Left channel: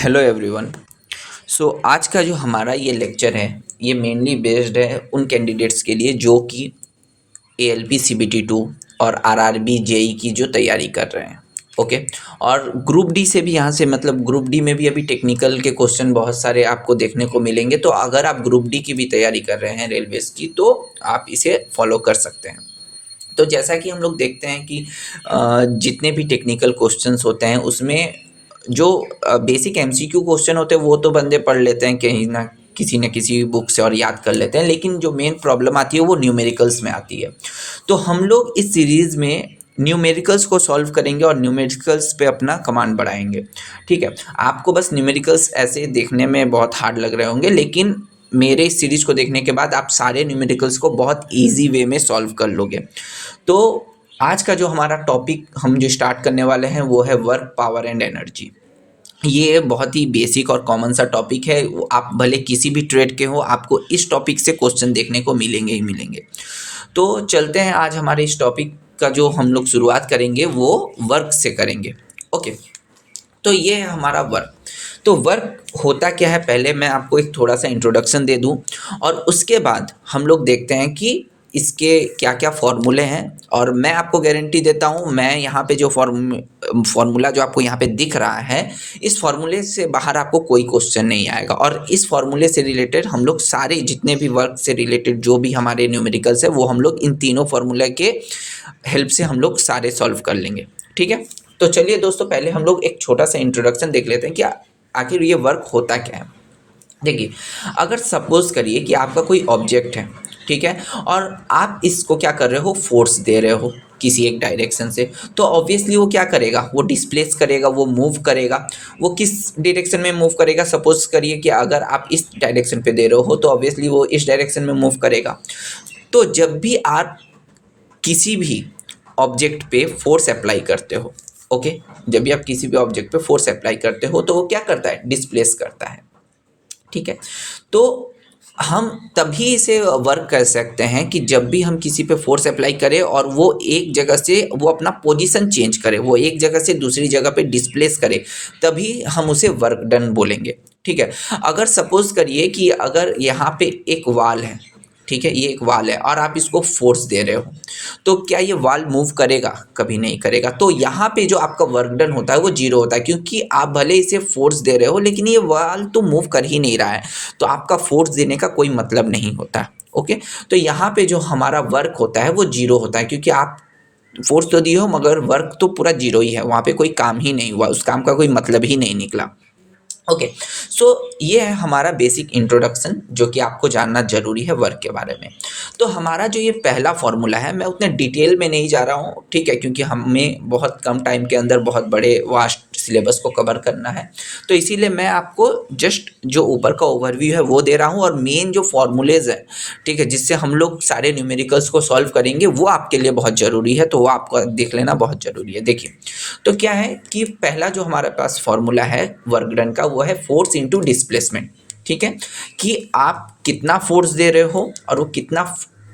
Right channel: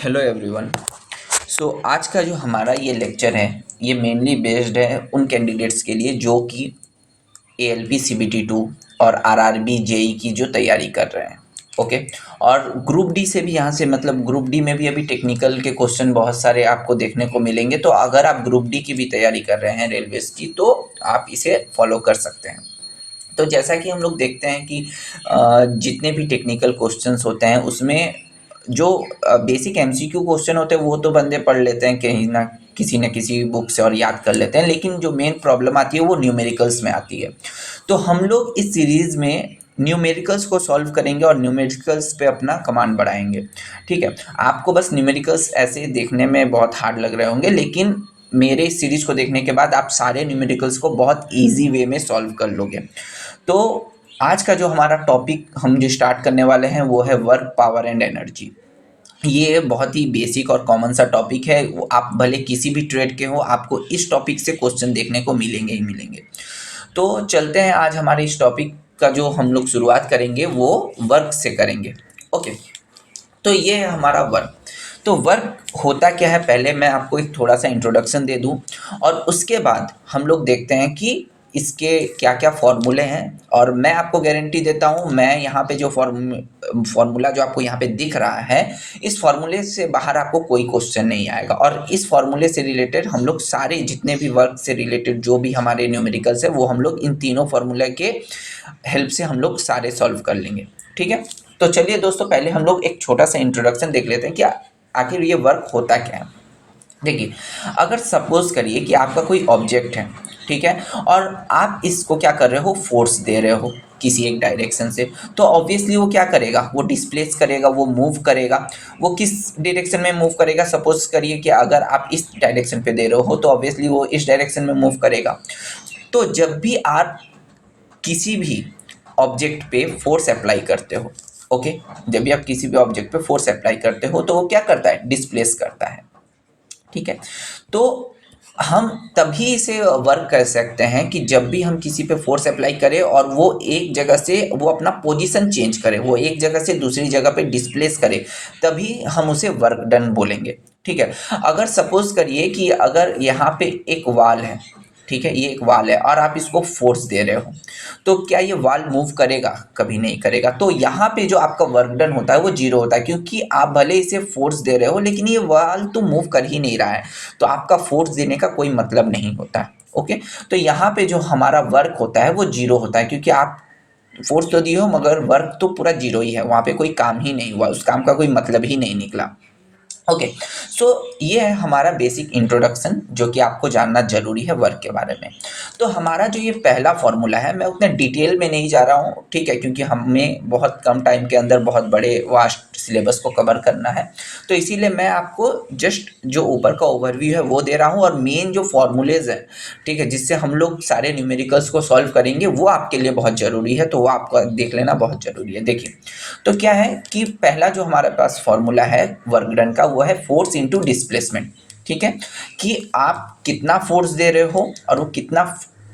Hello everyone. आज का जो हमारा ये लेक्चर है ये मेनली बेस्ड है उन कैंडिडेट्स के लिए जो कि ALP CBT 2 और RRB JEE की जो तैयारी कर रहे हैं। ओके। और ग्रुप डी से भी यहाँ से मतलब ग्रुप डी में भी अभी टेक्निकल के क्वेश्चन बहुत सारे आपको देखने को मिलेंगे। तो अगर आप ग्रुप डी की भी तैयारी कर रहे हैं रेलवेज़ की तो आप इसे फॉलो कर सकते हैं। तो जैसा कि हम लोग देखते हैं कि जितने भी टेक्निकल क्वेश्चंस होते हैं उसमें जो बेसिक MCQ क्वेश्चन होते हैं वो तो बंदे पढ़ लेते हैं कहीं ना किसी बुक से और याद कर लेते हैं, लेकिन जो मेन प्रॉब्लम आती है वो न्यूमेरिकल्स में आती है। तो हम लोग इस सीरीज़ में न्यूमेरिकल्स को सॉल्व करेंगे और न्यूमेरिकल्स पे अपना कमांड बढ़ाएंगे। ठीक है। आपको बस न्यूमेरिकल्स ऐसे देखने में बहुत हार्ड लग रहे होंगे, लेकिन मेरे इस सीरीज को देखने के बाद आप सारे न्यूमेरिकल्स को बहुत इजी वे में सॉल्व कर लोगे। तो आज का जो हमारा टॉपिक हम जो स्टार्ट करने वाले हैं वो है वर्क, पावर एंड एनर्जी। ये बहुत ही बेसिक और कॉमन सा टॉपिक है। आप भले किसी भी ट्रेड के हो, आपको इस टॉपिक से क्वेश्चन देखने को मिलेंगे ही मिलेंगे। तो चलते हैं, आज हमारे इस टॉपिक का जो हम लोग शुरुआत करेंगे वो वर्क से करेंगे। ओके। तो ये है हमारा वर्क। तो वर्क होता क्या है, पहले मैं आपको एक थोड़ा सा इंट्रोडक्शन दे दूं और उसके बाद हम लोग देखते हैं कि इसके क्या क्या फॉर्मूले हैं। और मैं आपको गारंटी देता हूं, मैं यहाँ पे जो फॉर्मूला जो आपको यहाँ पे दिख रहा है, इस फॉर्मूले से बाहर आपको कोई क्वेश्चन नहीं आएगा। और इस फॉर्मूले से रिलेटेड हम लोग सारे जितने भी वर्क से रिलेटेड जो भी हमारे न्यूमेरिकल्स है वो हम लोग इन तीनों फॉर्मूले के हेल्प से हम लोग सारे सॉल्व कर लेंगे। ठीक है। तो चलिए दोस्तों, पहले हम लोग एक छोटा सा इंट्रोडक्शन देख लेते हैं कि आखिर ये वर्क होता क्या है। देखिए, अगर सपोज करिए कि आपका कोई ऑब्जेक्ट है, ठीक है, और आप इसको क्या कर रहे हो, फोर्स दे रहे हो किसी एक डायरेक्शन से, तो ऑब्वियसली वो क्या करेगा, वो डिस्प्लेस करेगा, वो मूव करेगा। वो किस डायरेक्शन में मूव करेगा, सपोज करिए कि अगर आप इस डायरेक्शन पे दे रहे हो तो ऑब्वियसली वो इस डायरेक्शन में मूव करेगा। तो जब भी आप किसी भी ऑब्जेक्ट पे फोर्स अप्लाई करते हो, ओके, जब भी आप किसी भी ऑब्जेक्ट पे फोर्स अप्लाई करते हो तो वो क्या करता है, डिस्प्लेस करता है। ठीक है। तो हम तभी इसे वर्क कर सकते हैं कि जब भी हम किसी पे फोर्स अप्लाई करें और वो एक जगह से वो अपना पोजीशन चेंज करे, वो एक जगह से दूसरी जगह पे डिस्प्लेस करे, तभी हम उसे वर्क डन बोलेंगे। ठीक है। अगर सपोज करिए कि अगर यहाँ पे एक वाल है, ठीक है, ये एक वाल है और आप इसको फोर्स दे रहे हो, तो क्या ये वाल मूव करेगा, कभी नहीं करेगा। तो यहाँ पे जो आपका वर्क डन होता है वो जीरो होता है, क्योंकि आप भले इसे फोर्स दे रहे हो लेकिन ये वाल तो मूव कर ही नहीं रहा है, तो आपका फोर्स देने का कोई मतलब नहीं होता। ओके। तो यहाँ पे जो हमारा वर्क होता है वो जीरो होता है, क्योंकि आप फोर्स तो दिए हो मगर वर्क तो पूरा जीरो ही है, वहाँ पे कोई काम ही नहीं हुआ, उस काम का कोई मतलब ही नहीं निकला। ओके। सो ये है हमारा बेसिक इंट्रोडक्शन जो कि आपको जानना जरूरी है वर्क के बारे में। तो हमारा जो ये पहला फॉर्मूला है, मैं उतने डिटेल में नहीं जा रहा हूँ, ठीक है, क्योंकि हमें बहुत कम टाइम के अंदर बहुत बड़े वास्ट सिलेबस को कवर करना है। तो इसीलिए मैं आपको जस्ट जो ऊपर का ओवरव्यू है वो दे रहा हूँ, और मेन जो फॉर्मूलेज है, ठीक है, जिससे हम लोग सारे न्यूमेरिकल्स को सॉल्व करेंगे वो आपके लिए बहुत ज़रूरी है, तो वो आपको देख लेना बहुत ज़रूरी है। देखिए, तो क्या है कि पहला जो हमारे पास फॉर्मूला है वर्क डन का वो है फोर्स इनटू डिस्प्लेसमेंट। ठीक है, कि आप कितना फोर्स दे रहे हो और वो कितना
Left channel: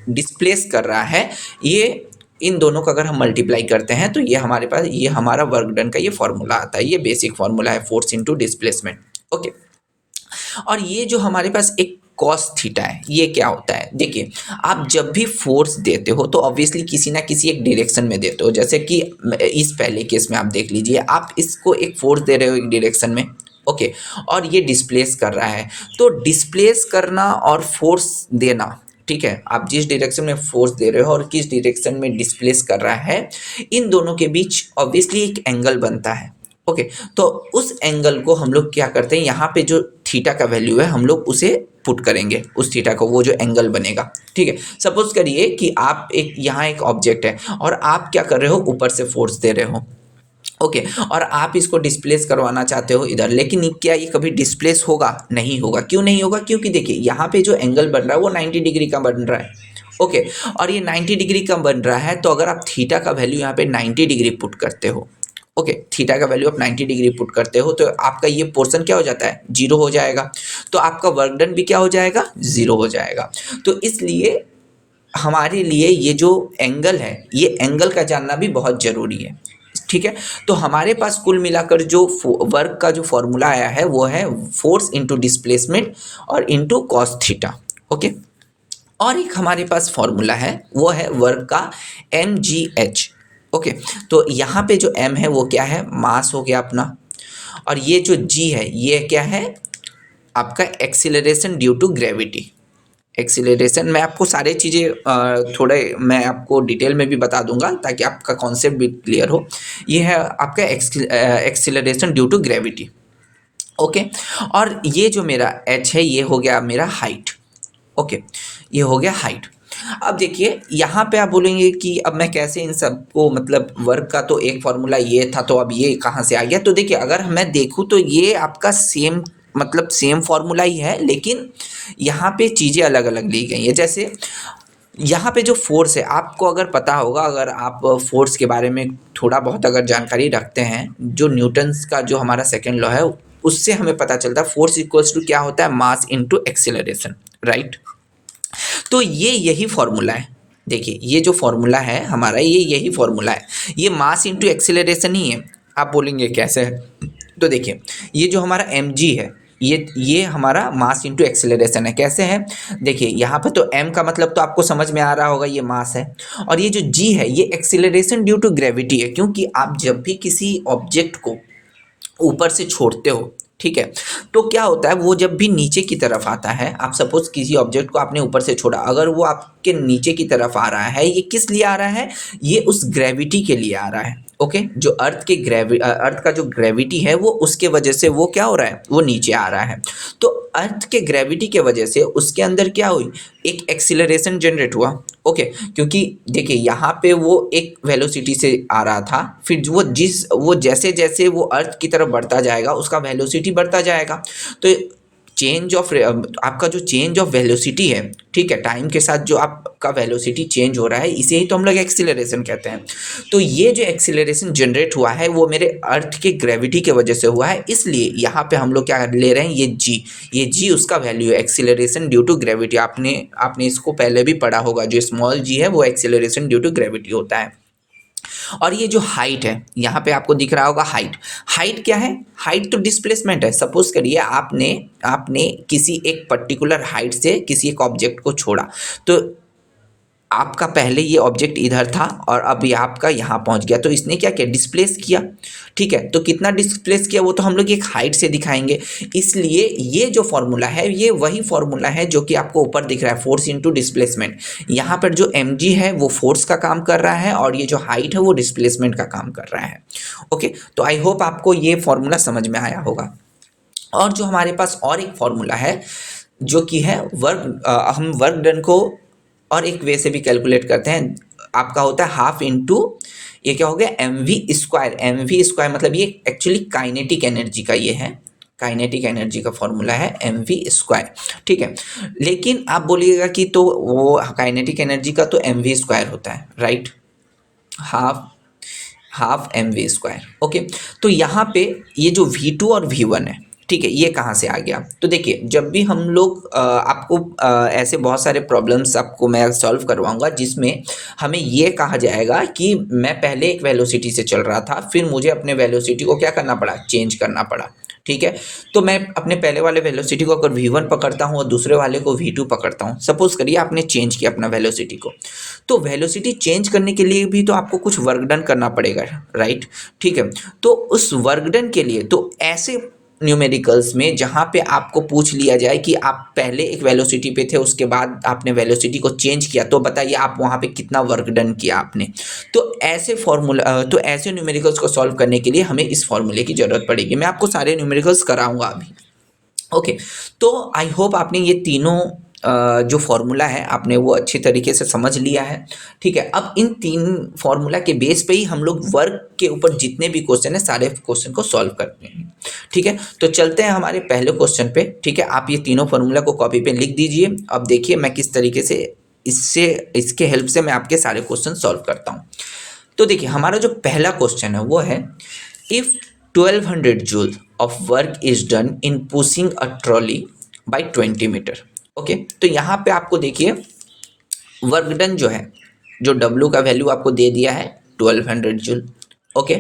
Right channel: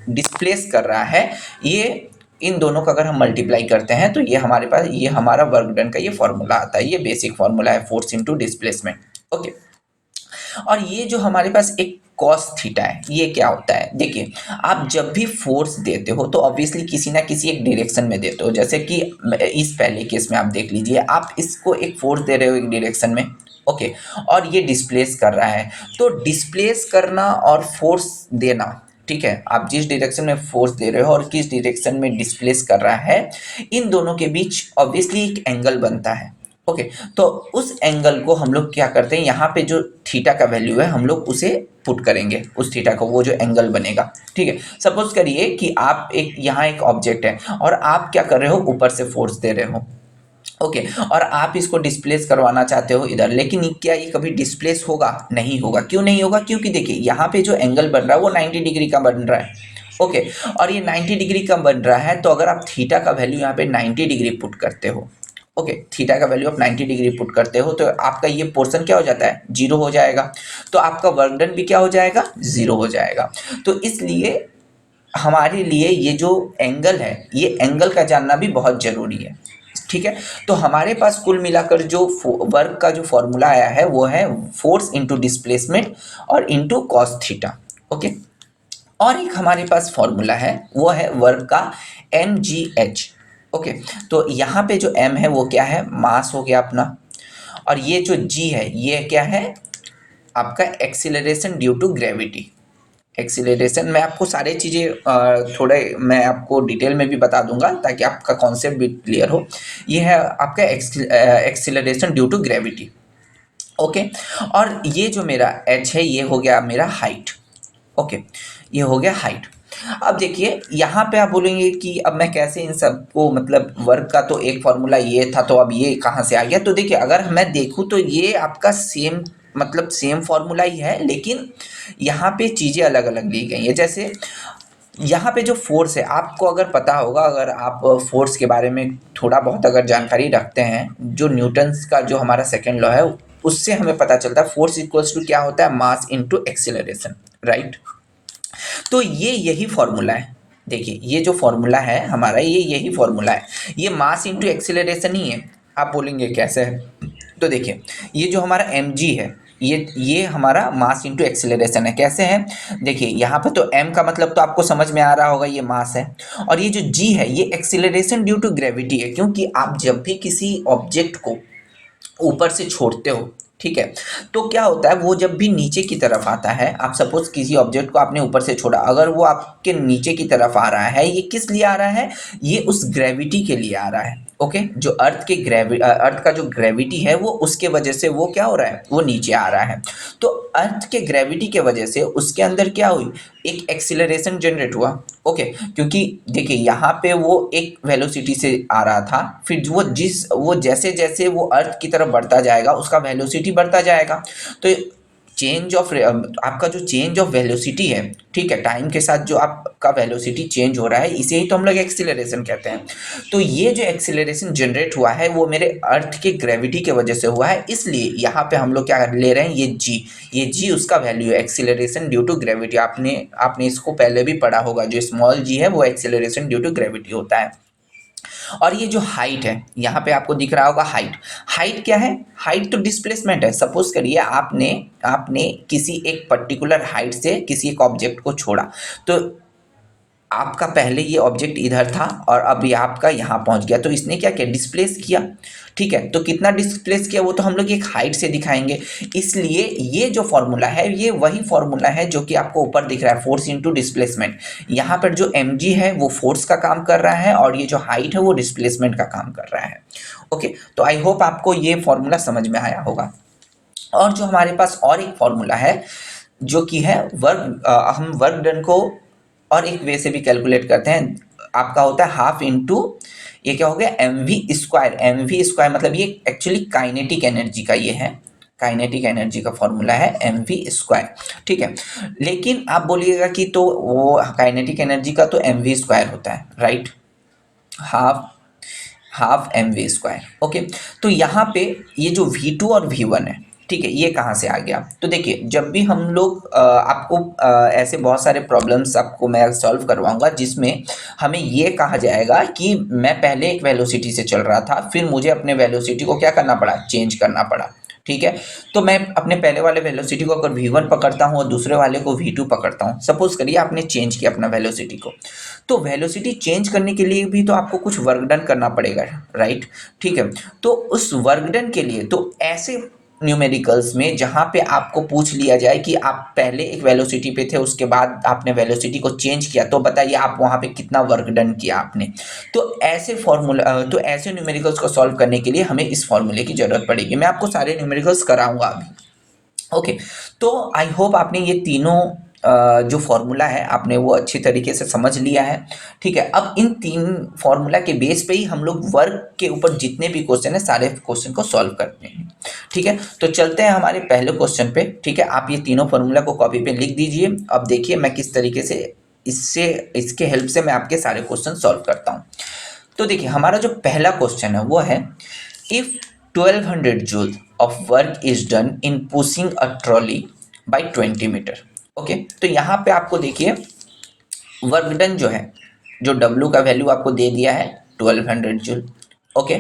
डिस्प्लेस कर रहा है, ये इन दोनों का अगर हम मल्टीप्लाई करते हैं तो ये हमारे पास ये हमारा वर्क डन का ये फॉर्मूला आता है। ये बेसिक फॉर्मूला है फोर्स इनटू डिस्प्लेसमेंट। ओके। और ये जो हमारे पास एक कॉस थीटा है, ये क्या होता है, देखिए, आप जब भी फोर्स देते हो तो ऑब्वियसली किसी ना किसी एक डायरेक्शन में देते हो। जैसे कि इस पहले केस में आप देख लीजिए, आप इसको एक फोर्स दे रहे हो एक डायरेक्शन में, ओके, और ये डिस्प्लेस कर रहा है। तो डिस्प्लेस करना और फोर्स देना, ठीक है, आप जिस डायरेक्शन में फोर्स दे रहे हो और किस डायरेक्शन में डिस्प्लेस कर रहा है, इन दोनों के बीच ऑब्वियसली एक एंगल बनता है। ओके। तो उस एंगल को हम लोग क्या करते हैं, यहाँ पे जो थीटा का वैल्यू है हम लोग उसे पुट करेंगे, उस थीटा को, वो जो एंगल बनेगा। ठीक है। सपोज करिए कि आप एक यहाँ एक ऑब्जेक्ट है और आप क्या कर रहे हो, ऊपर से फोर्स दे रहे हो, ओके, और आप इसको डिस्प्लेस करवाना चाहते हो इधर, लेकिन क्या ये कभी डिस्प्लेस होगा, नहीं होगा। क्यों नहीं होगा, क्योंकि देखिए यहाँ पे जो एंगल बन रहा है वो 90 डिग्री का बन रहा है। ओके। और ये 90 डिग्री का बन रहा है, तो अगर आप थीटा का वैल्यू यहाँ पे 90 डिग्री पुट करते हो, ओके, थीटा का वैल्यू आप 90 डिग्री पुट करते हो, तो आपका ये पोर्शन क्या हो जाता है, जीरो हो जाएगा। तो आपका वर्क डन भी क्या हो जाएगा, जीरो हो जाएगा। तो इसलिए हमारे लिए ये जो एंगल है, ये एंगल का जानना भी बहुत जरूरी है। ठीक है। तो हमारे पास कुल मिलाकर जो वर्क का जो फॉर्मूला आया है वो है फोर्स इंटू डिस्प्लेसमेंट और इंटू कॉस थीटा। ओके, और एक हमारे पास फॉर्मूला है वो है वर्क का एम जी एच। ओके, तो यहाँ पे जो एम है वो क्या है, मास हो गया अपना, और ये जो जी है ये क्या है, आपका acceleration due to gravity. Acceleration मैं आपको सारे चीज़ें थोड़े मैं आपको डिटेल में भी बता दूंगा ताकि आपका कॉन्सेप्ट भी क्लियर हो। ये है आपका acceleration due to gravity. Okay, और ये जो मेरा एच है ये हो गया मेरा हाइट। ओके, ये हो गया हाइट। अब देखिए यहाँ पे आप बोलेंगे कि अब मैं कैसे इन सबको, मतलब वर्क का तो एक फॉर्मूला ये था तो अब ये कहाँ से आ गया। तो देखिए अगर मैं देखूँ तो ये आपका सेम, मतलब सेम फॉर्मूला ही है, लेकिन यहाँ पे चीज़ें अलग अलग ली गई हैं। जैसे यहाँ पे जो फोर्स है, आपको अगर पता होगा, अगर आप फोर्स के बारे में थोड़ा बहुत अगर जानकारी रखते हैं, जो न्यूटन्स का जो हमारा सेकेंड लॉ है उससे हमें पता चलता है फोर्स इक्वल्स टू क्या होता है, मास इनटू एक्सीलरेशन, राइट। तो ये यही फॉर्मूला है। देखिए ये जो फॉर्मूला है हमारा, ये यही फॉर्मूला है, ये मास इनटू एक्सीलरेशन ही है। आप बोलेंगे कैसे है, तो देखिए ये जो हमारा एम जी है ये हमारा मास इंटू एक्सेलरेशन है। कैसे है, देखिए यहाँ पे तो m का मतलब तो आपको समझ में आ रहा होगा, ये मास है, और ये जो g है ये एक्सेलरेशन ड्यू टू ग्रेविटी है, क्योंकि आप जब भी किसी ऑब्जेक्ट को ऊपर से छोड़ते हो, ठीक है, तो क्या होता है वो जब भी नीचे की तरफ आता है, आप सपोज किसी ऑब्जेक्ट को आपने ऊपर से छोड़ा, अगर वो आपके नीचे की तरफ आ रहा है, ये किस लिए आ रहा है, ये उस ग्रेविटी के लिए आ रहा है। ओके, जो अर्थ का जो ग्रेविटी है वो उसके वजह से वो क्या हो रहा है, वो नीचे आ रहा है। तो अर्थ के ग्रेविटी के वजह से उसके अंदर क्या हुई, एक एक्सीलरेशन जनरेट हुआ। ओके, क्योंकि देखिए यहाँ पे वो एक वेलोसिटी से आ रहा था, फिर वो जैसे जैसे वो अर्थ की तरफ बढ़ता जाएगा उसका वेलोसिटी बढ़ता जाएगा। तो चेंज ऑफ आपका जो चेंज ऑफ वेलोसिटी है, ठीक है, टाइम के साथ जो आपका वेलोसिटी चेंज हो रहा है, इसे ही तो हम लोग एक्सीलरेशन कहते हैं। तो ये जो एक्सीलरेशन जनरेट हुआ है वो मेरे अर्थ की ग्रेविटी के वजह से हुआ है, इसलिए यहाँ पे हम लोग क्या ले रहे हैं, ये जी उसका वैल्यू है, एक्सीलरेशन ड्यू टू ग्रेविटी। आपने इसको पहले भी पढ़ा होगा, जो स्मॉल जी है वो एक्सीलरेशन ड्यू टू ग्रेविटी होता है। और ये जो हाइट है यहाँ पे आपको दिख रहा होगा, हाइट क्या है, हाइट तो डिस्प्लेसमेंट है। सपोज करिए आपने किसी एक पर्टिकुलर हाइट से किसी एक ऑब्जेक्ट को छोड़ा, तो आपका पहले ये ऑब्जेक्ट इधर था और अभी आपका यहाँ पहुँच गया, तो इसने क्या किया, डिस्प्लेस किया। ठीक है, तो कितना डिस्प्लेस किया वो तो हम लोग एक हाइट से दिखाएंगे। इसलिए ये जो फॉर्मूला है ये वही फॉर्मूला है जो कि आपको ऊपर दिख रहा है, फोर्स इंटू डिस्प्लेसमेंट। यहाँ पर जो एम जी है वो फोर्स का काम कर रहा है और ये जो हाइट है वो डिस्प्लेसमेंट का काम कर रहा है। ओके, तो आई होप आपको ये फॉर्मूला समझ में आया होगा। और जो हमारे पास और एक फॉर्मूला है जो कि है हम वर्क डन को और एक वे से भी कैलकुलेट करते हैं। आपका होता है हाफ इंटू, ये क्या हो गया, M V square. M V square मतलब ये एक्चुअली काइनेटिक एनर्जी का ये है, काइनेटिक एनर्जी का फॉर्मूला है एम वी स्क्वायर। ठीक है, लेकिन आप बोलिएगा कि तो वो काइनेटिक एनर्जी का तो एम वी स्क्वायर होता है, right, half half M V square. Okay, तो यहाँ पे ये जो V2 और V1 है, ठीक है, ये कहाँ से आ गया। तो देखिए जब भी हम लोग आपको ऐसे बहुत सारे प्रॉब्लम्स आपको मैं सॉल्व करवाऊंगा जिसमें हमें ये कहा जाएगा कि मैं पहले एक वेलोसिटी से चल रहा था, फिर मुझे अपने वेलोसिटी को क्या करना पड़ा, चेंज करना पड़ा। ठीक है, तो मैं अपने पहले वाले वेलोसिटी को अगर V1 पकड़ता हूँ और दूसरे वाले को V2 पकड़ता हूँ, सपोज करिए आपने चेंज किया अपना वेलोसिटी को, तो वेलोसिटी चेंज करने के लिए भी तो आपको कुछ वर्क डन करना पड़ेगा, राइट। ठीक है, तो उस वर्क डन के लिए तो ऐसे न्यूमेरिकल्स में जहाँ पे आपको पूछ लिया जाए कि आप पहले एक वेलोसिटी पे थे उसके बाद आपने वेलोसिटी को चेंज किया, तो बताइए आप वहाँ पे कितना वर्क डन किया आपने। तो ऐसे न्यूमेरिकल्स को सॉल्व करने के लिए हमें इस फॉर्मूले की ज़रूरत पड़ेगी। मैं आपको सारे न्यूमेरिकल्स कराऊंगा अभी। ओके, तो आई होप आपने ये तीनों जो फॉर्मूला है आपने वो अच्छी तरीके से समझ लिया है। ठीक है, अब इन तीन फॉर्मूला के बेस पे ही हम लोग वर्क के ऊपर जितने भी क्वेश्चन है सारे क्वेश्चन को सॉल्व करते हैं। ठीक है, तो चलते हैं हमारे पहले क्वेश्चन पे। ठीक है, आप ये तीनों फॉर्मूला को कॉपी पे लिख दीजिए। अब देखिए मैं किस तरीके से इसके हेल्प से मैं आपके सारे क्वेश्चन सॉल्व करता हूँ। तो देखिए हमारा जो पहला क्वेश्चन है वो है, if 1200 joule of work is done in pushing a trolley by 20 metre. Okay, तो यहाँ पे आपको देखिए वर्क डन जो है, जो W का वैल्यू आपको दे दिया है 1200 जूल। ओके।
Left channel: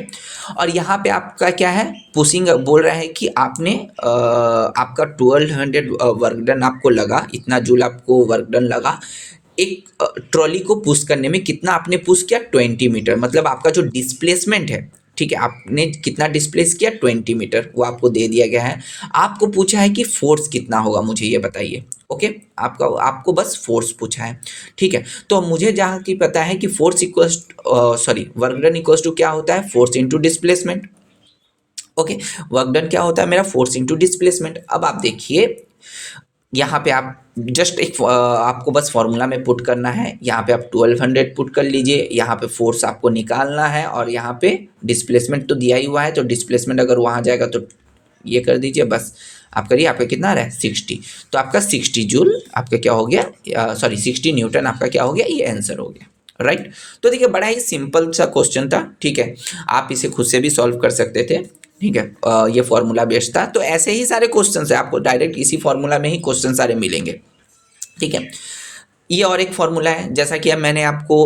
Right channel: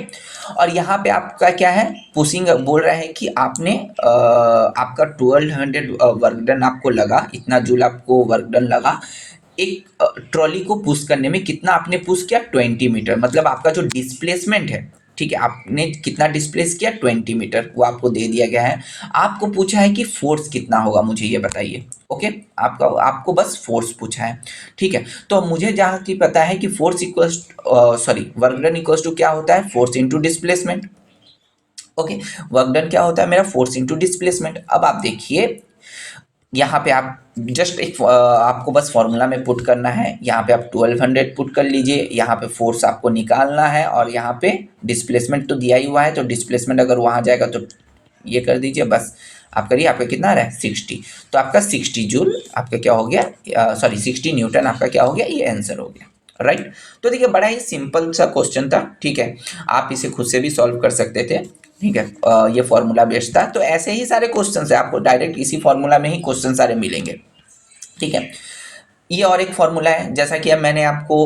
और यहाँ पे आपका क्या है, पुशिंग बोल रहा है कि आपने आपका 1200 वर्क डन आपको लगा, इतना जूल आपको वर्क डन लगा। एक ट्रॉली को पुश करने में कितना आपने पुश किया, 20 मीटर, मतलब आपका जो डिस्प्लेसमेंट है, ठीक है, आपने कितना डिस्प्लेस किया, 20 मीटर, वो आपको दे दिया गया है। आपको पूछा है कि फोर्स कितना होगा, मुझे ये बताइए। ओके, आपको बस फोर्स पूछा है, ठीक है। तो मुझे जहाँ की पता है कि force equals, sorry, work done equals to क्या होता है, force into displacement. Okay, work done क्या होता है मेरा, फोर्स इंटू डिस्प्लेसमेंट। अब आप देखिए यहाँ पे आप जस्ट एक आपको बस फॉर्मूला में पुट करना है, यहाँ पे आप 1200 पुट कर लीजिए, यहाँ पे फोर्स आपको निकालना है, और यहाँ पे डिस्प्लेसमेंट तो दिया ही हुआ है, तो डिस्प्लेसमेंट अगर वहाँ जाएगा तो ये कर दीजिए, बस आप करिए। आपका कितना आ रहा है, 60। तो आपका 60 जूल आपका क्या हो गया, सॉरी 60 न्यूटन आपका क्या हो गया, ये आंसर हो गया, राइट। तो देखिए बड़ा ही सिंपल सा क्वेश्चन था, ठीक है, आप इसे खुद से भी सॉल्व कर सकते थे, ठीक है। ये फॉर्मूला बेस्ड था। तो ऐसे ही सारे क्वेश्चन है, आपको डायरेक्ट इसी फॉर्मूला में ही क्वेश्चन सारे मिलेंगे, ठीक है। ये और एक फॉर्मूला है, जैसा कि अब मैंने आपको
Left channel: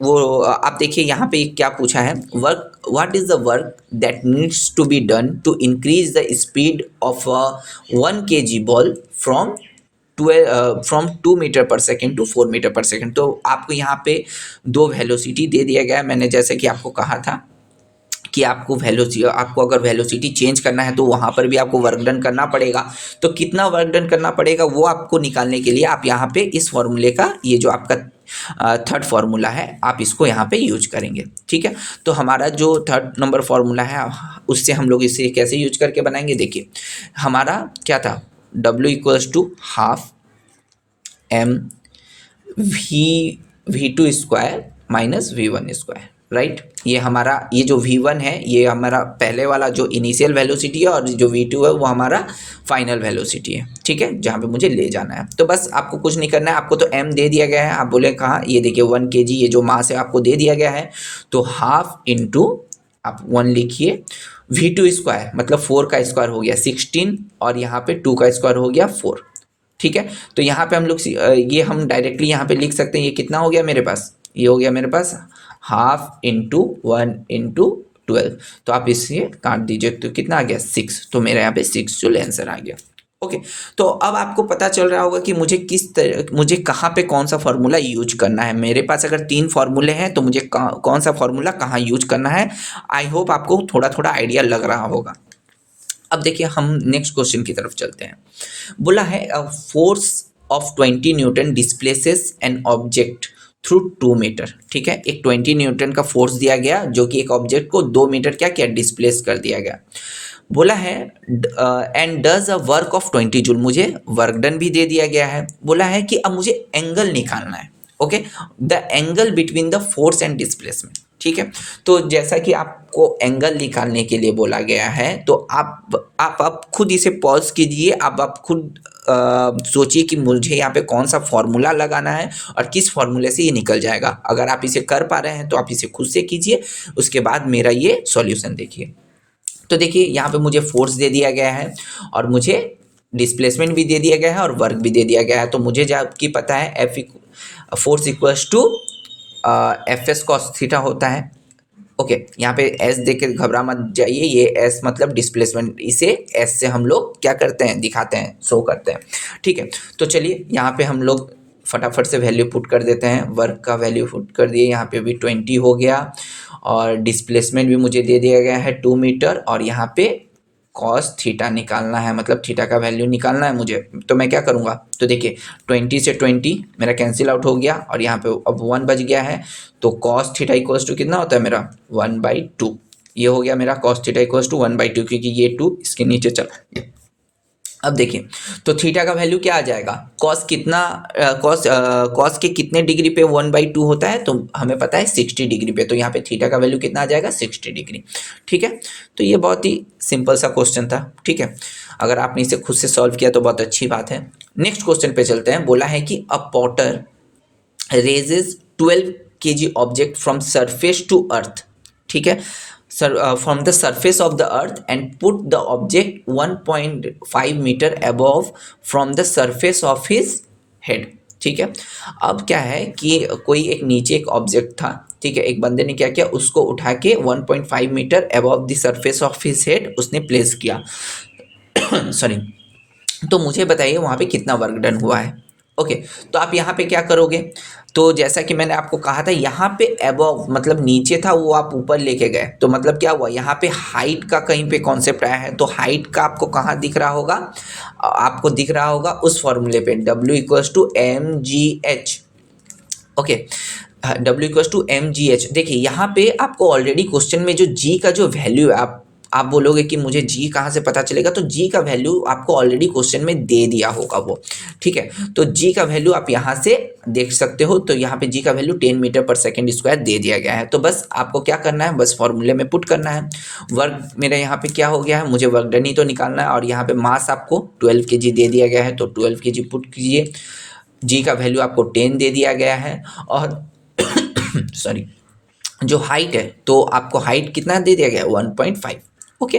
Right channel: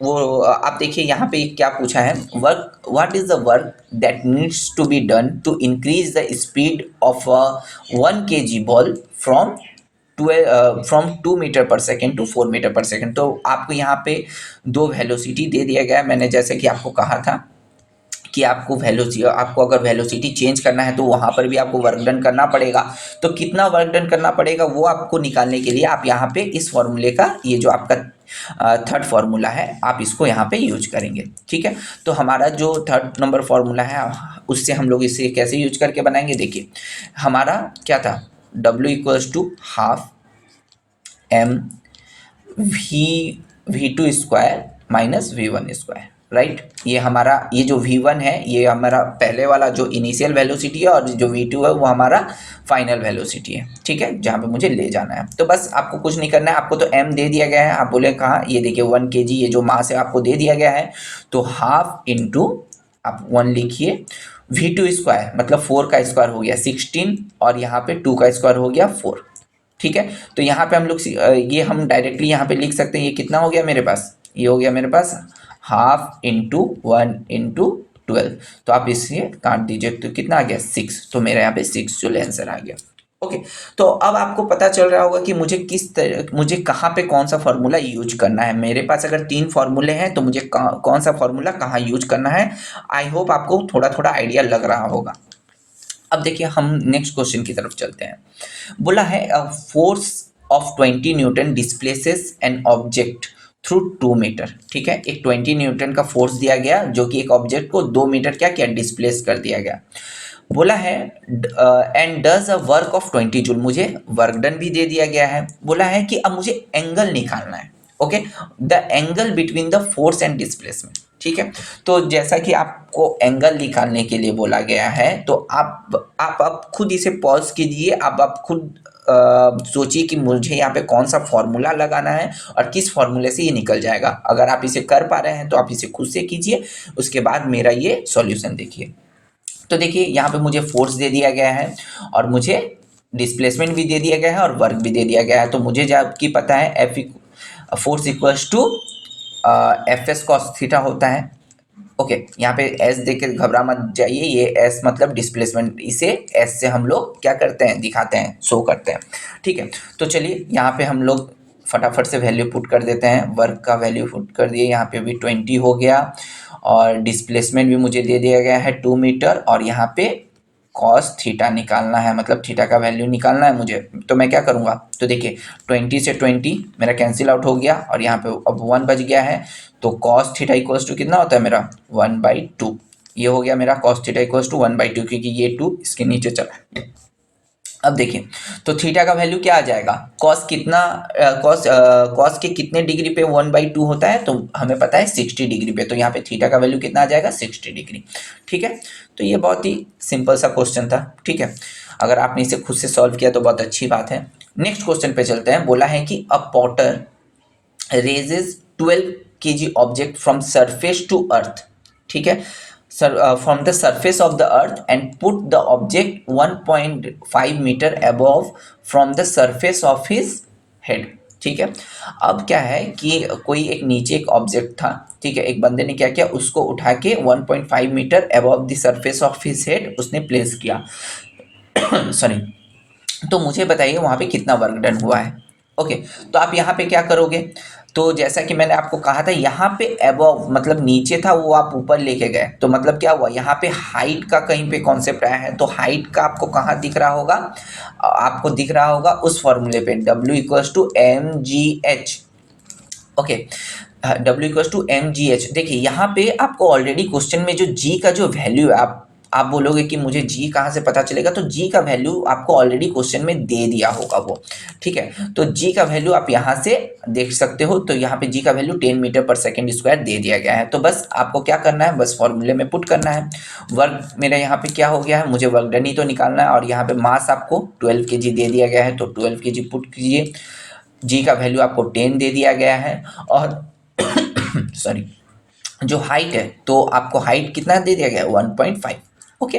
वो आप देखिए यहाँ पे क्या पूछा है, work, what is the work that needs to be done to increase the speed of a 1 kg ball from 2 metre per second to 4 metre per second. तो आपको यहाँ पे दो वेलोसिटी दे दिया गया है, मैंने जैसे कि आपको कहा था कि आपको अगर वेलोसिटी चेंज करना है तो वहाँ पर भी आपको वर्क डन करना पड़ेगा। तो कितना वर्क डन करना पड़ेगा वो आपको निकालने के लिए आप यहाँ पे इस फॉर्मूले का, ये जो आपका थर्ड फार्मूला है, आप इसको यहाँ पे यूज करेंगे, ठीक है। तो हमारा जो थर्ड नंबर फार्मूला है, उससे हम लोग इसे कैसे यूज करके बनाएंगे, देखिए हमारा क्या था, W equals to half M V2 square minus V1 square, right. ये हमारा, ये जो V1 है ये हमारा पहले वाला जो इनिशियल वेलोसिटी है, और जो V2 है वो हमारा फाइनल वेलोसिटी है, ठीक है, जहाँ पे मुझे ले जाना है। तो बस आपको कुछ नहीं करना है, आपको तो m दे दिया गया है, आप बोले कहाँ, ये देखिए 1 kg, ये जो मास है आपको दे दिया गया है, तो हाफ इंटू आप 1 लिखिए, V2 स्क्वायर मतलब 4 का स्क्वायर हो गया 16, और यहाँ पे 2 का स्क्वायर हो गया 4, ठीक है। तो यहाँ पे हम लोग ये हम डायरेक्टली यहाँ पे लिख सकते हैं, ये कितना हो गया मेरे पास, ये हो गया मेरे पास हाफ इंटू 1 इंटू 12। तो आप इसे काट दीजिए, तो कितना आ गया 6, तो मेरा यहाँ पे 6 जो आंसर आ गया। ओके, तो अब आपको पता चल रहा होगा कि मुझे कहाँ पे कौन सा फार्मूला यूज करना है। मेरे पास अगर 3 फार्मूले हैं तो मुझे कौन सा फार्मूला कहाँ यूज करना है। आई होप आपको थोड़ा थोड़ा आइडिया लग रहा होगा। अब देखिए हम नेक्स्ट क्वेश्चन की तरफ चलते हैं। बोला है force of 20 newton displaces an object through 2 metre, ठीक है। एक 20 न्यूटन का फोर्स दिया गया जो कि एक ऑब्जेक्ट को 2 मीटर क्या किया, डिस्प्लेस कर दिया गया। बोला है and does a work of 20 joule, मुझे वर्क डन भी दे दिया गया है। बोला है कि अब मुझे एंगल निकालना है, okay, the angle between the force and displacement, ठीक है। तो जैसा कि आपको एंगल निकालने के लिए बोला गया है, तो आप खुद इसे पॉज कीजिए, आप खुद सोचिए कि मुझे यहाँ पे कौन सा फॉर्मूला लगाना है और किस फॉर्मूले से ये निकल जाएगा। अगर आप इसे कर पा रहे हैं तो आप इसे खुद से कीजिए, उसके बाद मेरा ये सॉल्यूशन देखिए। तो देखिए यहाँ पे मुझे फोर्स दे दिया गया है, और मुझे डिस्प्लेसमेंट भी दे दिया गया है, और वर्क भी दे दिया गया है। तो मुझे जबकि पता है force equals to F S cos theta होता है। ओके, यहाँ पे एस देख के घबरा मत जाइए, ये एस मतलब डिस्प्लेसमेंट, इसे एस से हम लोग क्या करते हैं, दिखाते हैं, शो करते हैं, ठीक है। तो चलिए यहाँ पे हम लोग फटाफट से वैल्यू पुट कर देते हैं। वर्क का वैल्यू पुट कर दिए, यहाँ पे भी 20 हो गया, और डिस्प्लेसमेंट भी मुझे दे दिया गया है 2 मीटर, और यहाँ पे कॉस थीटा निकालना है, मतलब थीटा का वैल्यू निकालना है मुझे। तो मैं क्या करूँगा, तो देखिए 20 से 20 मेरा कैंसिल आउट हो गया, और यहाँ पे अब 1 बच गया है। तो कॉस थीटा इक्वल्स टू कितना होता है मेरा 1/2, ये हो गया मेरा कॉस थीटा इक्वल्स टू 1/2, क्योंकि ये 2 इसके नीचे चला गया। अब देखिए, तो थीटा का वैल्यू क्या आ जाएगा, कॉस कितना, कॉस के कितने डिग्री पे 1/2 होता है, तो हमें पता है 60 डिग्री पे। तो यहाँ पे थीटा का वैल्यू कितना आ जाएगा, 60 डिग्री, ठीक है। तो ये बहुत ही सिंपल सा क्वेश्चन था, ठीक है। अगर आपने इसे खुद से सॉल्व किया तो बहुत अच्छी बात है। नेक्स्ट क्वेश्चन पे चलते हैं। बोला है कि अ Potter raises 12 kg object from surface to earth, ठीक है, from the surface of the earth and put the object 1.5 meter above from the surface of his head, ठीक है। अब क्या है कि कोई एक नीचे एक ऑब्जेक्ट था, ठीक है, एक बंदे ने क्या किया, उसको उठा के 1.5 metre above the surface of his head उसने प्लेस किया। सॉरी। तो मुझे बताइए वहाँ पे कितना वर्क डन हुआ है। ओके, तो आप यहाँ पे क्या करोगे, तो जैसा कि मैंने आपको कहा था यहाँ पे अबव मतलब नीचे था, वो आप ऊपर लेके गए, तो मतलब क्या हुआ, यहाँ पे हाइट का कहीं पे कॉन्सेप्ट आया है, तो हाइट का आपको कहाँ दिख रहा होगा, आपको दिख रहा होगा उस फॉर्मूले पे W = mgh। Okay, W = mgh। देखिए यहाँ पे आपको ऑलरेडी क्वेश्चन में जो g का जो वैल्यू है, आप बोलोगे कि मुझे g कहाँ से पता चलेगा, तो g का वैल्यू आपको ऑलरेडी क्वेश्चन में दे दिया होगा वो। ठीक है, तो g का वैल्यू आप यहाँ से देख सकते हो, तो यहाँ पे g का value 10 metre per second square दे दिया गया है। तो बस आपको क्या करना है, बस फॉर्मूले में पुट करना है। वर्क मेरा यहाँ पे क्या हो गया है, मुझे वर्क डन ही तो निकालना है, और यहाँ पे मास आपको 12 kg दे दिया गया है, तो 12 kg पुट कीजिए। जी का वैल्यू आपको 10 दे दिया गया है, और सॉरी, जो हाइट है तो आपको हाइट कितना दे दिया गया है, 1.5। ओके,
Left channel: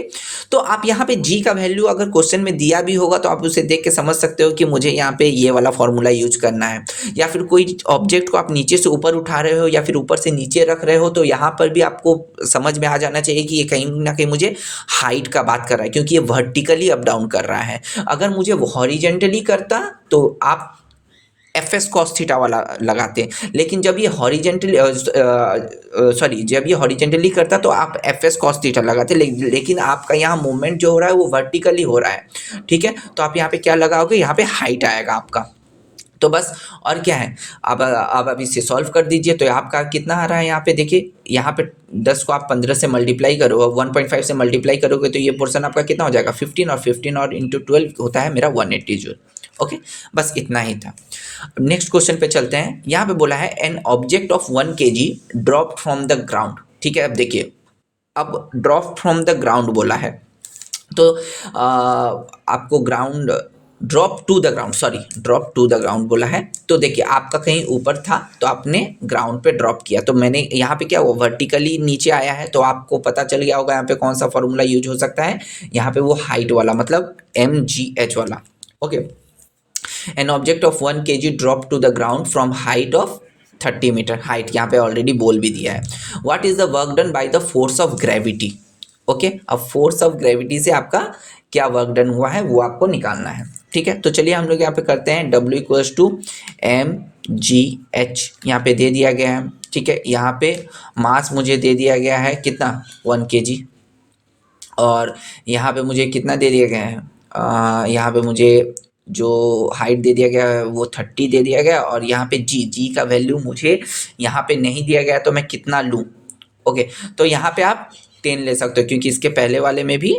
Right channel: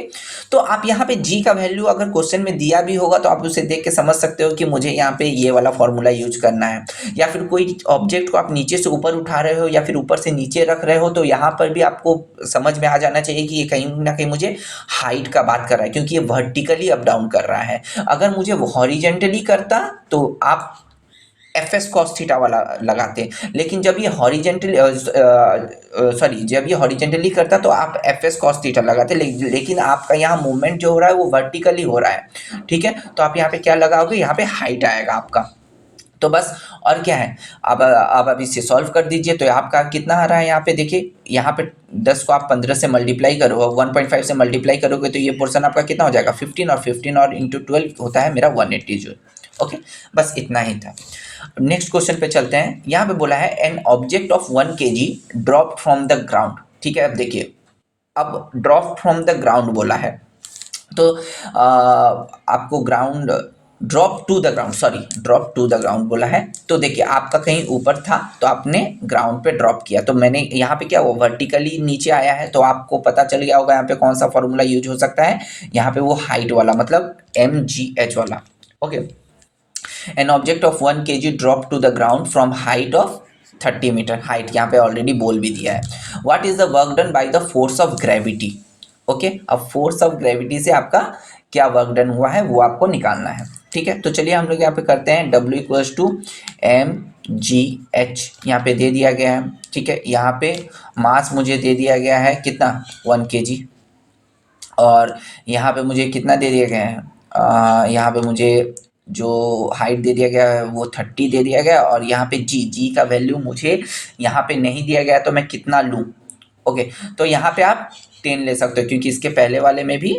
तो आप यहाँ पे जी का वैल्यू अगर क्वेश्चन में दिया भी होगा तो आप उसे देख के समझ सकते हो कि मुझे यहाँ पे ये वाला फॉर्मूला यूज करना है। या फिर कोई ऑब्जेक्ट को आप नीचे से ऊपर उठा रहे हो या फिर ऊपर से नीचे रख रहे हो, तो यहाँ पर भी आपको समझ में आ जाना चाहिए कि ये कहीं ना कहीं मुझे हाइट का बात कर रहा है, क्योंकि ये वर्टिकली अप डाउन कर रहा है। अगर मुझे वो हॉरिजेंटली करता तो आप एफ एस कॉस थीटा वाला लगाते हैं, लेकिन जब ये हॉरिजेंटली सॉरी जब ये हॉरिजेंटली करता तो आप एफ एस कॉस थीटा लगाते, लेकिन आपका यहाँ मूवमेंट जो हो रहा है वो वर्टिकली हो रहा है। ठीक है, तो आप यहाँ पे क्या लगाओगे, यहाँ पे हाइट आएगा आपका। तो बस, और क्या है, अब इसे सॉल्व कर दीजिए, तो आपका कितना आ रहा है यहाँ पे देखिए, यहाँ पे 10 को आप 15 से मल्टीप्लाई करो, 1.5 से मल्टीप्लाई करोगे तो ये पोर्शन आपका कितना हो जाएगा, 15, और 15 और इंटू 12 होता है मेरा 180 जूल। ओके, बस इतना ही था। नेक्स्ट क्वेश्चन पे चलते हैं। यहाँ पे बोला है N object of 1 kg drop from the ground. ठीक है, अब देखिए, अब ड्रॉप फ्रॉम द ग्राउंड बोला है, तो आपको ground drop to the ground, sorry drop to the ground बोला है। तो देखिए आपका कहीं ऊपर था तो आपने ग्राउंड पे ड्रॉप किया, तो मैंने यहाँ पे क्या हुआ, वर्टिकली नीचे आया है, तो आपको पता चल गया होगा यहाँ पे कौन सा फॉर्मूला यूज हो सकता है, यहाँ पे वो हाइट वाला, मतलब mgh वाला। Okay, an object of 1 kg drop to the ground from height of 30 metre, height यहाँ पे ऑलरेडी बोल भी दिया है। What is the work done by the force of gravity. Okay, अब फोर्स ऑफ ग्रेविटी से आपका क्या वर्क डन हुआ है वो आपको निकालना है। ठीक है, तो चलिए हम लोग यहाँ पे करते हैं, W = mgh यहाँ पे दे दिया गया है। ठीक है, यहाँ पे मास मुझे दे दिया गया है कितना, 1 kg, और यहाँ पे मुझे कितना दे दिया गया है, यहाँ पे मुझे जो हाइट दे दिया गया है वो 30 दे दिया गया, और यहाँ पे जी का वैल्यू मुझे यहाँ पे नहीं दिया गया, तो मैं कितना लूँ। ओके, तो यहाँ पे आप 10 ले सकते हो, क्योंकि इसके पहले वाले में भी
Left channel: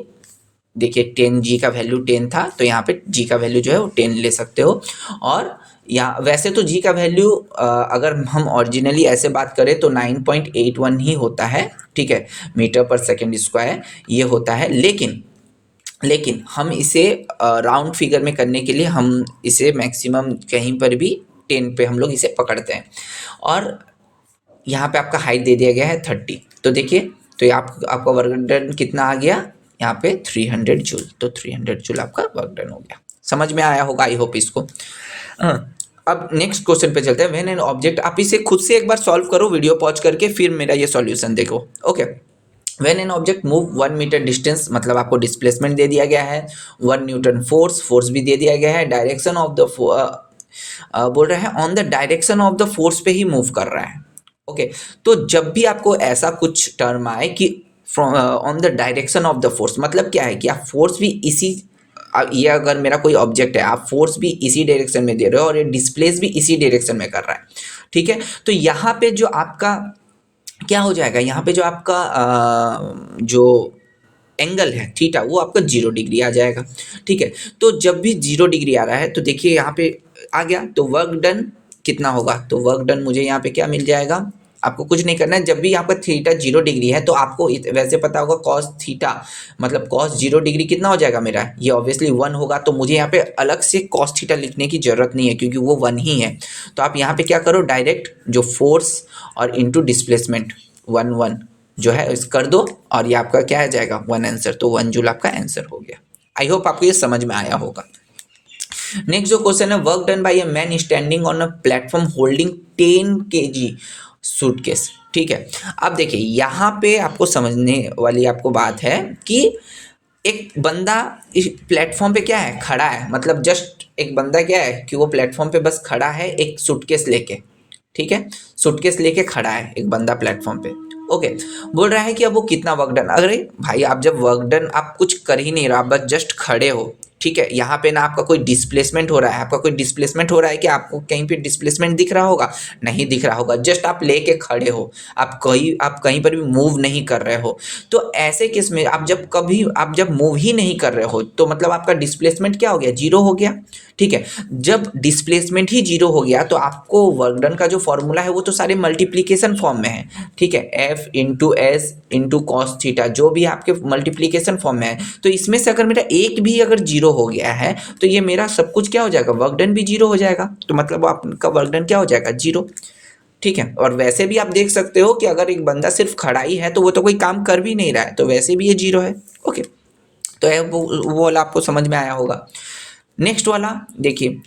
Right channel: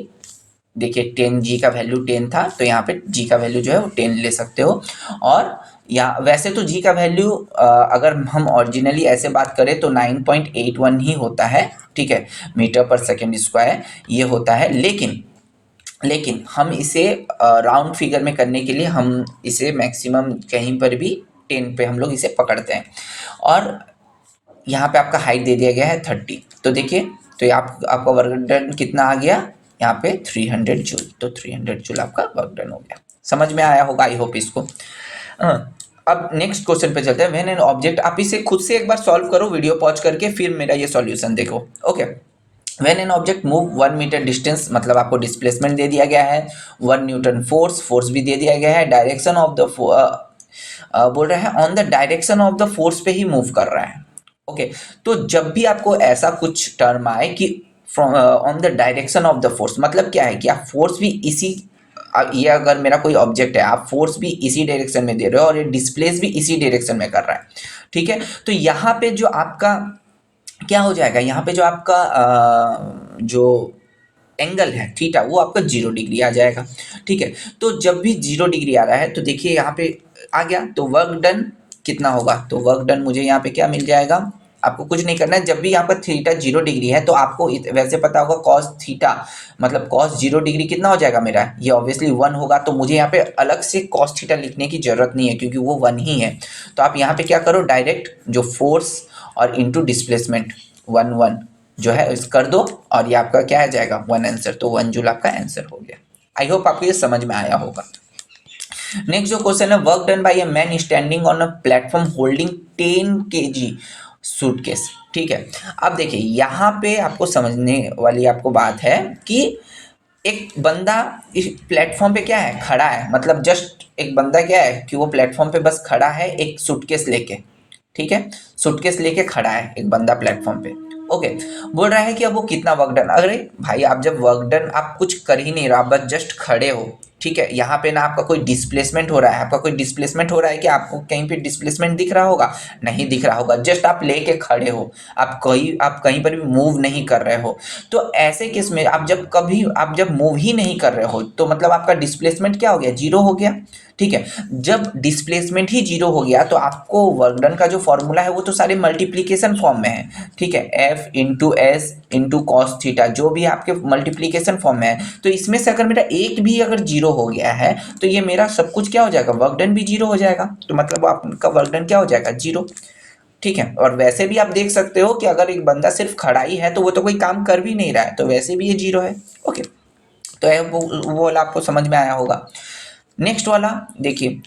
देखिए 10 जी का वैल्यू 10 था, तो यहाँ पे जी का वैल्यू जो है वो 10 ले सकते हो। और यहाँ वैसे तो जी का वैल्यू अगर हम ओरिजिनली ऐसे बात करें तो 9.81 ही होता है। ठीक है, मीटर पर सेकेंड स्क्वायर ये होता है, लेकिन हम इसे राउंड फिगर में करने के लिए हम इसे मैक्सिमम कहीं पर भी 10 पे हम लोग इसे पकड़ते हैं, और यहाँ पे आपका हाइट दे दिया गया है 30। तो देखिए, तो ये आपका वर्क डन कितना आ गया, यहाँ पे 300 जूल, तो 300 जूल आपका वर्क डन हो गया। समझ में आया होगा आई होप इसको। अब नेक्स्ट क्वेश्चन पे चलते हैं। व्हेन एन ऑब्जेक्ट, आप इसे खुद से एक बार सॉल्व करो वीडियो पॉज करके, फिर मेरा ये सॉल्यूशन देखो। Okay, when an object move 1 metre distance, मतलब आपको डिस्प्लेसमेंट दे दिया गया है, 1 न्यूटन फोर्स भी दे दिया गया है, डायरेक्शन ऑफ द बोल रहे हैं on the direction of the force पे ही मूव कर रहा है। ओके, तो जब भी आपको ऐसा कुछ टर्म आए कि from on the direction of the force, मतलब क्या है कि आप फोर्स भी इसी ये अगर मेरा कोई ऑब्जेक्ट है, आप फोर्स भी इसी डायरेक्शन में दे रहे हो और ये डिस्प्लेस भी इसी डायरेक्शन में कर रहा है। ठीक है, तो यहाँ पे जो आपका क्या हो जाएगा, यहाँ पे जो आपका जो एंगल है थीटा वो आपका 0 डिग्री आ जाएगा। ठीक है, तो जब भी 0 डिग्री आ रहा है तो देखिए यहाँ पे आ गया, तो वर्क डन कितना होगा, तो वर्क डन मुझे यहाँ पे क्या मिल जाएगा, आपको कुछ नहीं करना है। जब भी यहाँ पर थीटा 0 डिग्री है तो आपको वैसे पता होगा कॉस थीटा मतलब कॉस 0 डिग्री कितना हो जाएगा मेरा, ये ऑब्वियसली 1 होगा, तो मुझे यहाँ पे अलग से कॉस थीटा लिखने की जरूरत नहीं है क्योंकि वो 1 ही है। तो आप यहाँ पे क्या करो, डायरेक्ट जो फोर्स और इंटू डिस्प्लेसमेंट 1 जो है इस कर दो, और ये आपका क्या आ जाएगा 1 आंसर, तो 1 जूल आपका आंसर हो गया। आई होप आपको ये समझ में आया होगा। नेक्स्ट जो क्वेश्चन है, work done bye a man standing on a platform holding 10 kg suitcase. ठीक है, अब देखिए यहाँ पे आपको समझने वाली आपको बात है कि एक बंदा इस प्लेटफॉर्म पे क्या है, खड़ा है, मतलब जस्ट एक बंदा क्या है कि वो प्लेटफॉर्म पे बस खड़ा है एक सूटकेस लेके। ठीक है, सूटकेस लेके खड़ा है एक बंदा प्लेटफॉर्म पे। ओके, बोल रहा है कि अब वो कितना वर्क डन। अरे भाई, आप जब वर्क डन आप कुछ कर ही नहीं रहा, आप बस जस्ट खड़े हो। ठीक है, यहाँ पे ना आपका कोई डिस्प्लेसमेंट हो रहा है, आपका कोई डिस्प्लेसमेंट हो रहा है कि आपको कहीं पे डिस्प्लेसमेंट दिख रहा होगा, नहीं दिख रहा होगा, जस्ट आप लेके खड़े हो, आप कहीं पर भी मूव नहीं कर रहे हो। तो ऐसे केस में आप जब मूव ही नहीं कर रहे हो तो मतलब आपका डिस्प्लेसमेंट क्या हो गया, जीरो हो गया। ठीक है, जब डिस्प्लेसमेंट ही जीरो हो गया तो आपको वर्क डन का जो फॉर्मूला है वो तो सारे मल्टीप्लीकेशन फॉर्म में है। ठीक है, F into S into cos theta, जो भी आपके मल्टीप्लीकेशन फॉर्म में है। तो इसमें से अगर मेरा एक भी अगर जीरो हो गया है तो ये मेरा सब कुछ क्या हो जाएगा, वर्क डन भी जीरो हो जाएगा। तो मतलब आपका वर्क डन क्या हो जाएगा, जीरो। ठीक है, और वैसे भी आप देख सकते हो कि अगर एक बंदा सिर्फ खड़ा ही है तो वो तो कोई काम कर भी नहीं रहा है, तो वैसे भी ये जीरो है। ओके, तो वो वाला आपको समझ में आया होगा। नेक्स्ट वाला देखिए,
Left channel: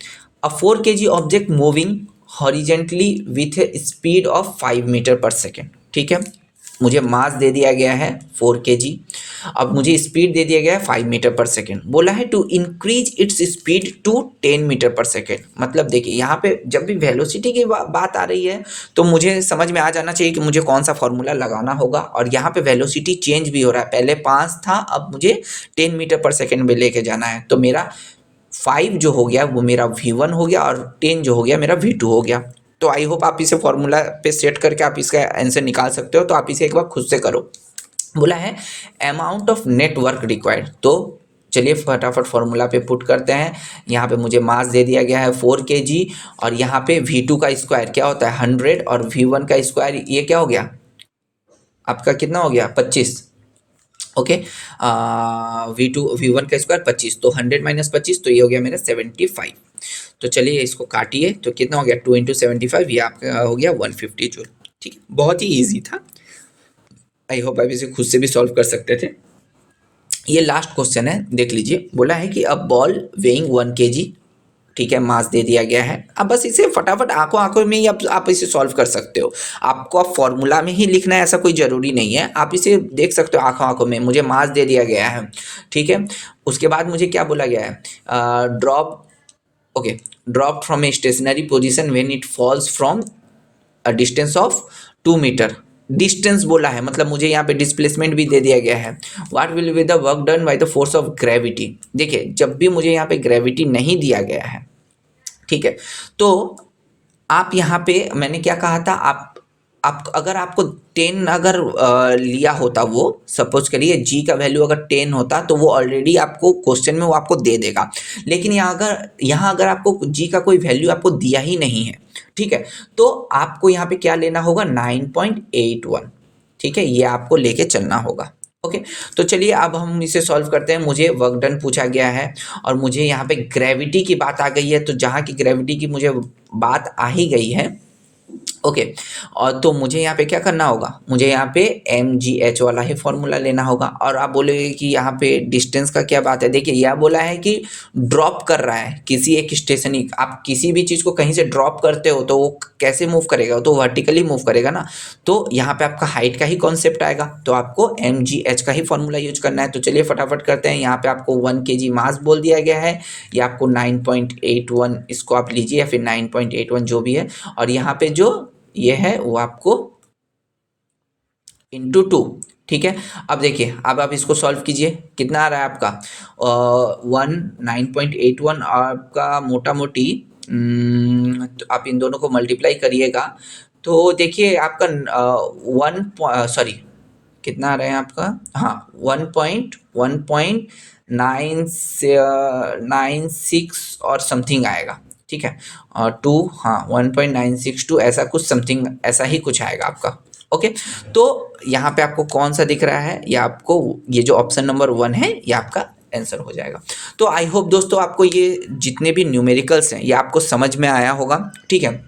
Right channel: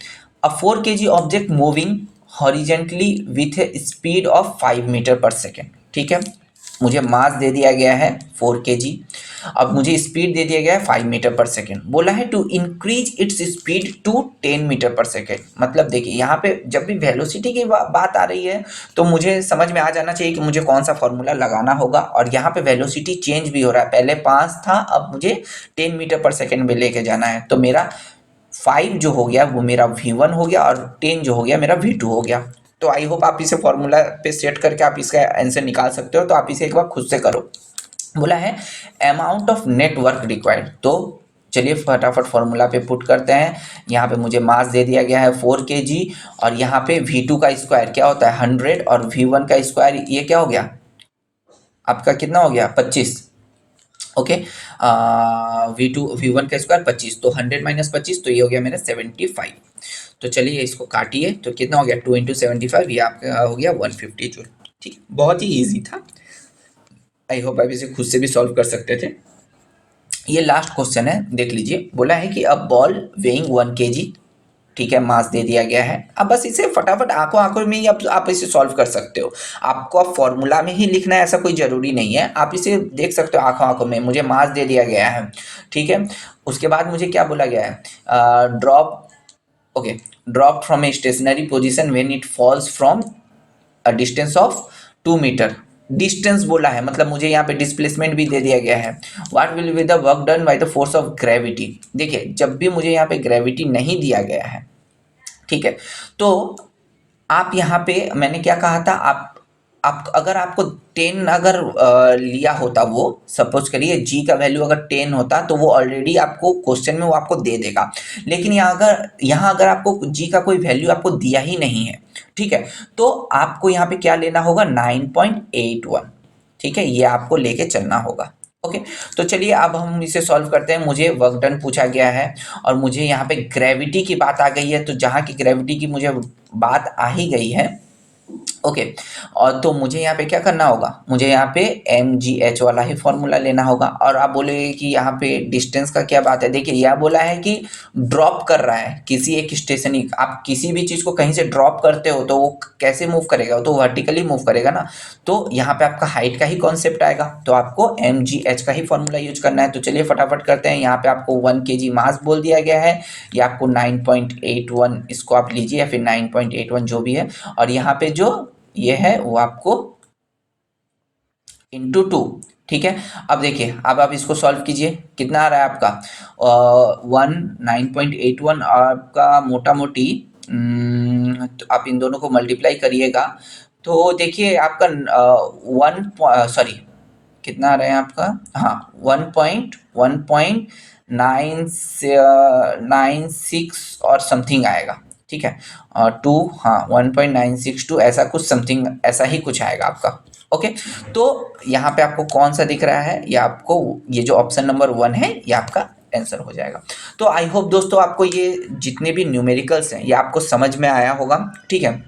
a 4 kg object moving horizontally with a speed of 5 metre per second. ठीक है, मुझे मास दे दिया गया है 4 kg, अब मुझे स्पीड दे दिया गया है 5 मीटर पर सेकेंड। बोला है to increase its speed to 10 metre per second. मतलब देखिए यहाँ पे जब भी वेलोसिटी की बात आ रही है तो मुझे समझ में आ जाना चाहिए कि मुझे कौन सा फॉर्मूला लगाना होगा। और यहाँ पे वेलोसिटी चेंज भी हो रहा है, पहले 5 था, अब मुझे 10 मीटर पर सेकेंड में लेके जाना है। तो मेरा 5 जो हो गया वो मेरा V1 हो गया और 10 जो हो गया मेरा V2 हो गया। तो आई होप आप इसे फॉर्मूला पे सेट करके आप इसका आंसर निकाल सकते हो। तो आप इसे एक बार खुद से करो। बोला है अमाउंट ऑफ नेटवर्क रिक्वायर्ड, तो चलिए फटाफट फॉर्मूला पे पुट करते हैं। यहाँ पे मुझे मास दे दिया गया है 4 kg, और यहाँ पे V2 का स्क्वायर क्या होता है 100, और V1 का स्क्वायर ये क्या हो गया आपका, कितना हो गया 25। ओके, V1 का स्क्वायर 25, तो 100 - 25, तो ये हो गया मेरा 75। तो चलिए इसको काटिए, तो कितना हो गया 2 × 75, ये आपका हो गया 150 जूल। ठीक है, बहुत ही ईजी था। आई होप आप इसे खुद से भी सॉल्व कर सकते थे। ये लास्ट क्वेश्चन है, देख लीजिए। बोला है कि अब बॉल वेइंग 1 kg, ठीक है, मास दे दिया गया है। अब बस इसे फटाफट आंखों आंखों में ही आप इसे सॉल्व कर सकते हो। आपको अब फॉर्मूला में ही लिखना है ऐसा कोई ज़रूरी नहीं है, आप इसे देख सकते हो आंखों आंखों में। मुझे मास दे दिया गया है, ठीक है। उसके बाद मुझे क्या बोला गया है, drop, okay, drop from a stationary position when it falls from a distance of 2 metre. Distance बोला है, मतलब मुझे यहाँ पे डिस्प्लेसमेंट भी दे दिया गया है। What will be the work done by the force of gravity. देखिए जब भी मुझे यहाँ पे ग्रेविटी नहीं दिया गया है, ठीक है, तो आप यहाँ पे मैंने क्या कहा था, आप अगर आपको 10 अगर लिया होता, वो सपोज करिए जी का वैल्यू अगर 10 होता तो वो ऑलरेडी आपको क्वेश्चन में वो आपको दे देगा। लेकिन यहाँ अगर आपको जी का कोई वैल्यू आपको दिया ही नहीं है, ठीक है, तो आपको यहाँ पे क्या लेना होगा 9.81। ठीक है, ये आपको लेके चलना होगा। ओके, तो चलिए अब हम इसे सॉल्व करते हैं। मुझे वर्क डन पूछा गया है और मुझे यहाँ पे ग्रेविटी की बात आ गई है, तो जहाँ की ग्रेविटी की मुझे बात आ ही गई है, ओके, और तो मुझे यहाँ पे क्या करना होगा, मुझे यहाँ पे mgh वाला ही फॉर्मूला लेना होगा। और आप बोलेंगे कि यहाँ पे डिस्टेंस का क्या बात है। देखिए यह बोला है कि ड्रॉप कर रहा है किसी एक स्टेशन, आप किसी भी चीज़ को कहीं से ड्रॉप करते हो तो वो कैसे मूव करेगा, तो वर्टिकली मूव करेगा ना। तो यहाँ पे आपका हाइट का ही कॉन्सेप्ट आएगा, तो आपको mgh का ही फॉर्मूला यूज करना है। तो चलिए फटाफट करते हैं। यहाँ पे आपको 1 kg मास बोल दिया गया है, या आपको 9.81 इसको आप लीजिए, या फिर 9.81 जो भी है, और यहाँ पे जो ये है वो आपको इंटू 2। ठीक है, अब देखिए अब आप इसको सॉल्व कीजिए, कितना आ रहा है आपका 9.81, आपका मोटा मोटी तो आप इन दोनों को मल्टीप्लाई करिएगा तो देखिए आपका 1, सॉरी कितना आ रहा है आपका, हाँ 1.96 और समथिंग आएगा। ठीक है, 2, हाँ 1.962 ऐसा कुछ समथिंग, ऐसा ही कुछ आएगा आपका। ओके, तो यहाँ पे आपको कौन सा दिख रहा है, या आपको ये जो ऑप्शन नंबर 1 है ये आपका आंसर हो जाएगा। तो आई होप दोस्तों आपको ये जितने भी न्यूमेरिकल्स हैं ये आपको समझ में आया होगा। ठीक है,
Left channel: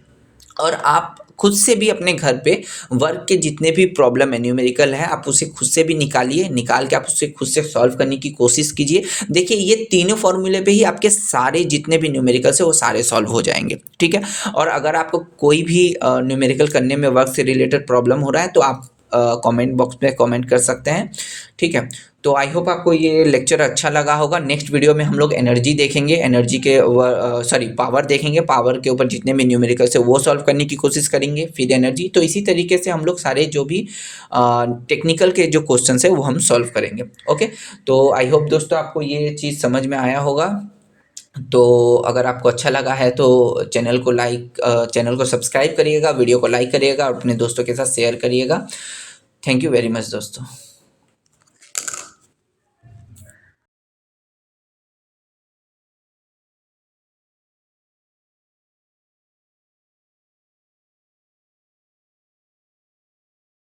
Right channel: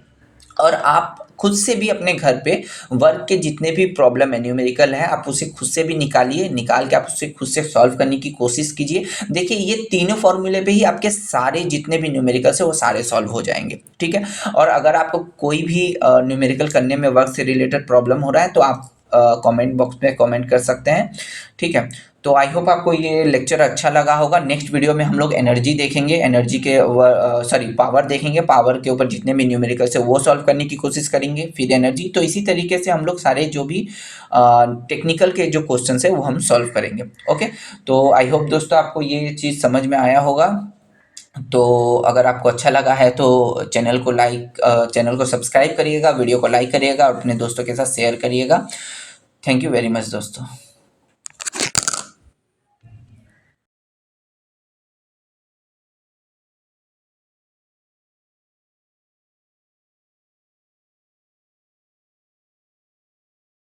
और आप खुद से भी अपने घर पे वर्क के जितने भी प्रॉब्लम है न्यूमेरिकल है, आप उसे खुद से भी निकालिए, निकाल के आप उसे खुद से सॉल्व करने की कोशिश कीजिए। देखिए ये तीनों फॉर्मूले पे ही आपके सारे जितने भी न्यूमेरिकल्स है वो सारे सॉल्व हो जाएंगे, ठीक है। और अगर आपको कोई भी न्यूमेरिकल करने में वर्क से रिलेटेड प्रॉब्लम हो रहा है तो आप कमेंट बॉक्स में कमेंट कर सकते हैं, ठीक है। तो आई होप आपको ये लेक्चर अच्छा लगा होगा। नेक्स्ट वीडियो में हम लोग एनर्जी देखेंगे, एनर्जी के सॉरी पावर देखेंगे, पावर के ऊपर जितने भी न्यूमेरिकल्स है वो सॉल्व करने की कोशिश करेंगे, फिर एनर्जी। तो इसी तरीके से हम लोग सारे जो भी टेक्निकल के जो क्वेश्चंस है वो हम सॉल्व करेंगे, ओके। तो आई होप दोस्तों आपको ये चीज़ समझ में आया होगा। तो अगर आपको अच्छा लगा है तो चैनल को सब्सक्राइब करिएगा, वीडियो को लाइक करिएगा और अपने दोस्तों के साथ शेयर करिएगा। थैंक यू वेरी मच दोस्तों।